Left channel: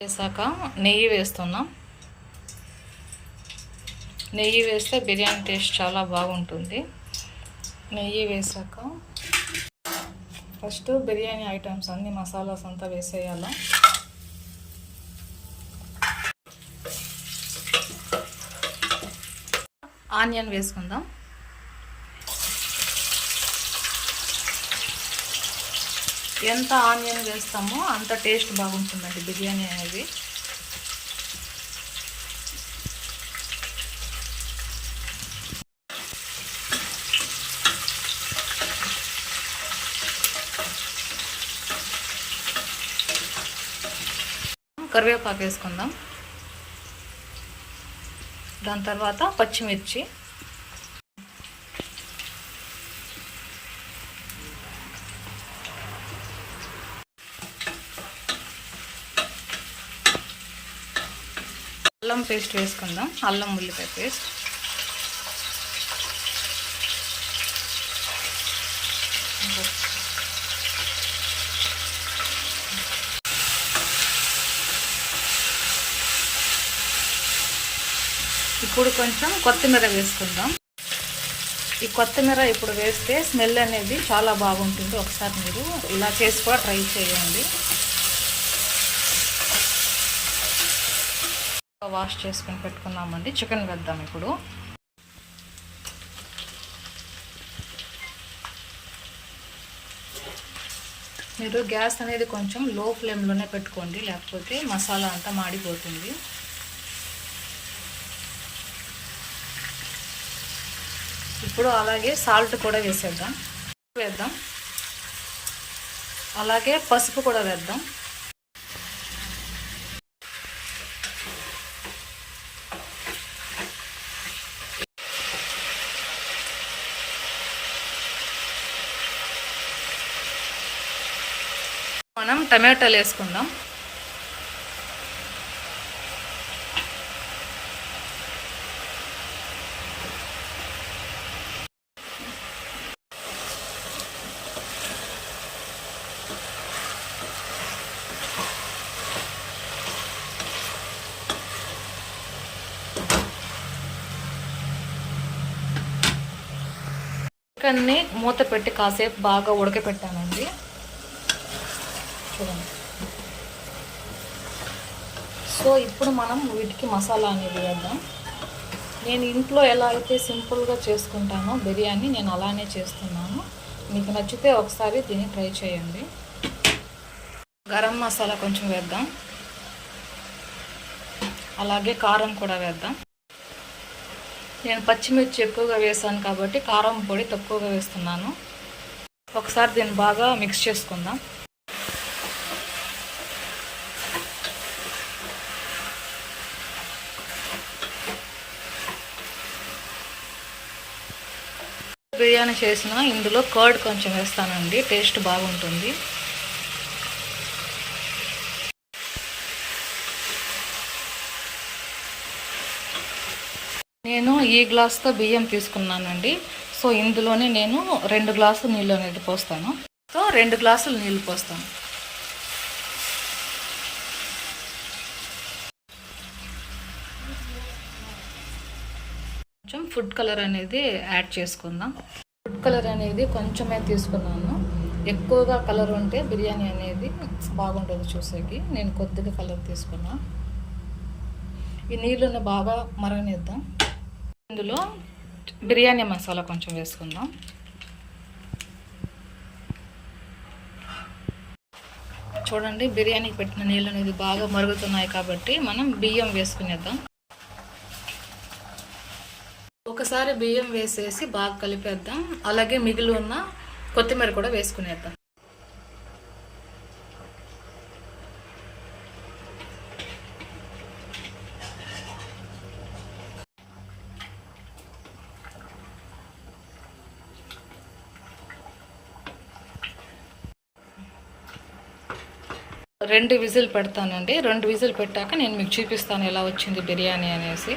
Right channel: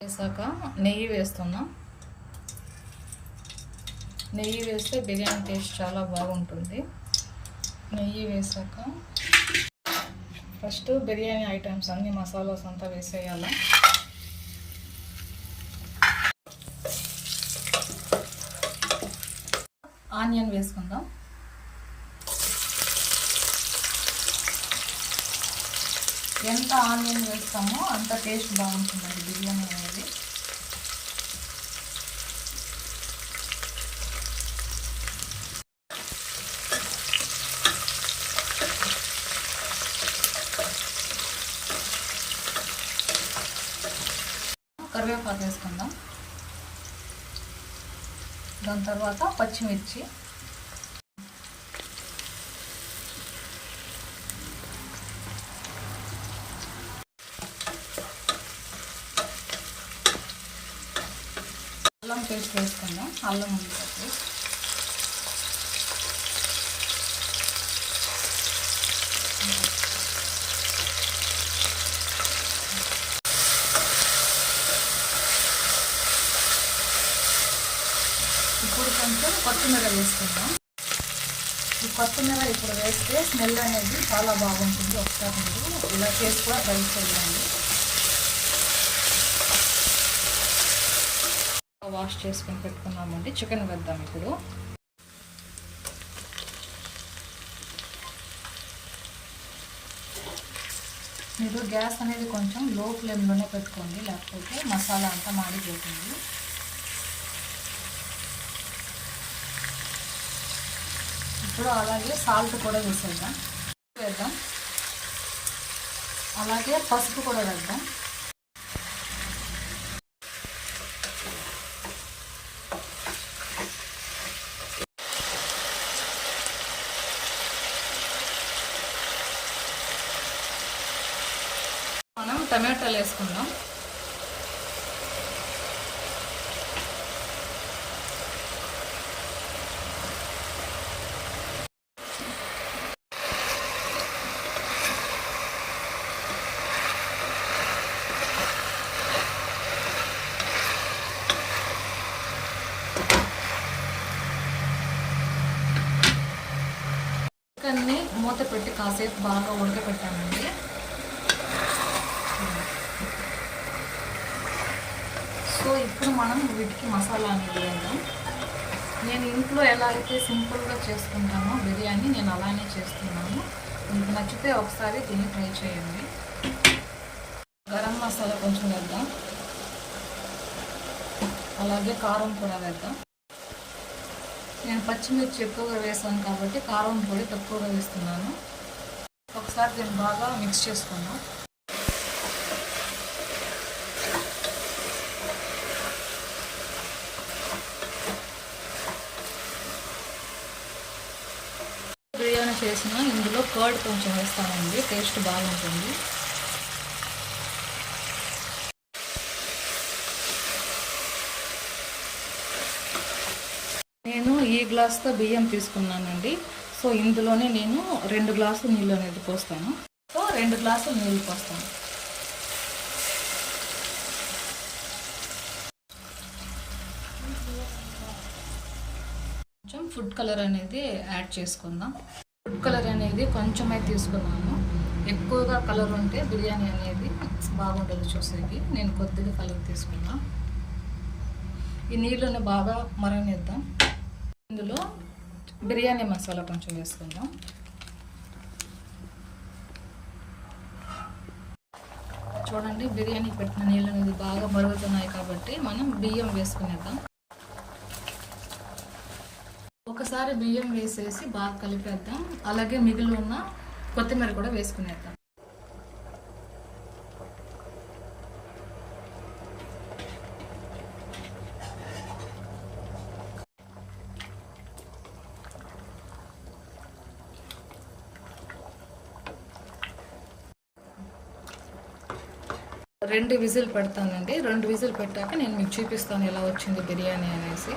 వేసాక నెయ్యి వేస్తున్నాం. నెయ్యి వేస్తే బిర్యానీ టేస్ట్ చాలా బాగుంటుంది. నెయ్యి వేసాక ఫస్ట్ బిర్యానీ ఐటమ్స్ అన్ని మసాలాస్ అంతా వేసేయాలి. ఆనియన్ వేసుకుందాం. ఎంత ఆనియన్ వేస్తామో అంత టేస్ట్ బాగుంటుందండి బిర్యానీ అనేది. కరివేపాకు వేసుకుందాం. దాని తర్వాత పచ్చిమిర్చి, అల్లం పేస్ట్ వేసుకుందాం. అల్లం ఉల్లిపాయ పేస్ట్, ఇప్పుడు కొంచెం కొత్తిమీర వేసుకుందాం. ఈ కొత్తిమీర ఇప్పుడు వేస్తే స్మెల్ అనేది చాలా బాగుంటుంది. ఒకసారి మీరు ఇలా చేసి కూడా ట్రై చేయండి. వాష్ చేసుకొని పెట్టుకున్నామండి. చికెన్ వేద్దాం. ఇప్పుడు మీరు గ్యాస్ అనేది కొంచెం లో ఫ్లేమ్లోనే పెట్టుకోండి, లేకపోతే మసాలా అంతా మాడిపోతుంది. ఇప్పుడు అలాగే సాల్ట్ కూడా వేద్దాం. అలాగే పసుపు కూడా వేద్దాం. మనం టమాటాలు వేసుకుందాం. చికెన్ని మూత పెట్టి కాసేపు బాగా ఉడకపెట్టానండి. సో ఇప్పుడు మనం వీటికి మసాలా అనేది వేద్దాం. నేను ఇంట్లో ఎలా అయితే సింపుల్గా చేసుకుంటానో బిర్యానీ నేను అలానే చేస్తున్నాను. మీకు నచ్చితే ఒకసారి దీన్ని ట్రై చేయండి. గరం మసాలా కొంచెం వేద్దాం. అలాగే కారం కూడా వేద్దాం. నేను పచ్చిమిర్చి ఎక్కువగా వేసాను కాబట్టి కారం పొడి తక్కువగా వేస్తున్నాను. ఒకసారి దీన్ని బాగా మిక్స్ చేసుకుందాం. బిర్యానీ చేసిన ఇందులో కర్డ్ కొంచెం వేస్తానండి, టేస్ట్ బాగుంటుంది. నేను ఈ గ్లాస్తో బియ్యం తీసుకున్నానండి. సో ఇందులోనే నేను 2 గ్లాసులు నీళ్ళు అనేది పోస్తాను. సో 2 గ్లాసులు నీళ్ళు పోస్తాను. కొంచెం ఫుడ్ కలర్ అనేది యాడ్ చేసుకుందాం. ఫుడ్ కలర్ అనేది కొంచెమే తీసుకున్నాను. ఎక్కువగా కలర్ ఉంటే బిర్యానీ అనేది బాగుంటుంది చూసేకి. నేను కొద్దిగా కలర్ తీసుకున్నా. ఈ నీళ్ళని బాగా మరగనిద్దాం. ఇందులో బిర్యానీ మసాలా కొంచెం వేసుకుందాం. చూడండి, బిర్యానీ పెట్టిన నీళ్ళు అనేది బాగా మరుగుతున్నాయి కాబట్టి మనం బియ్యం వేసుకునేద్దాం. ఒకసారి బియ్యం వేసేసి బాగా కలిపేద్దాం. అలాగే మిగిలి ఉన్న కొత్తిమీర కూడా వేసుకునేద్దాం. రెండు విజిల్ పెడతానండి. 2 విజిల్ పెట్టాక నేను మీకు చూపిస్తాను ఎలా వచ్చింది బిర్యానీ అనేసి.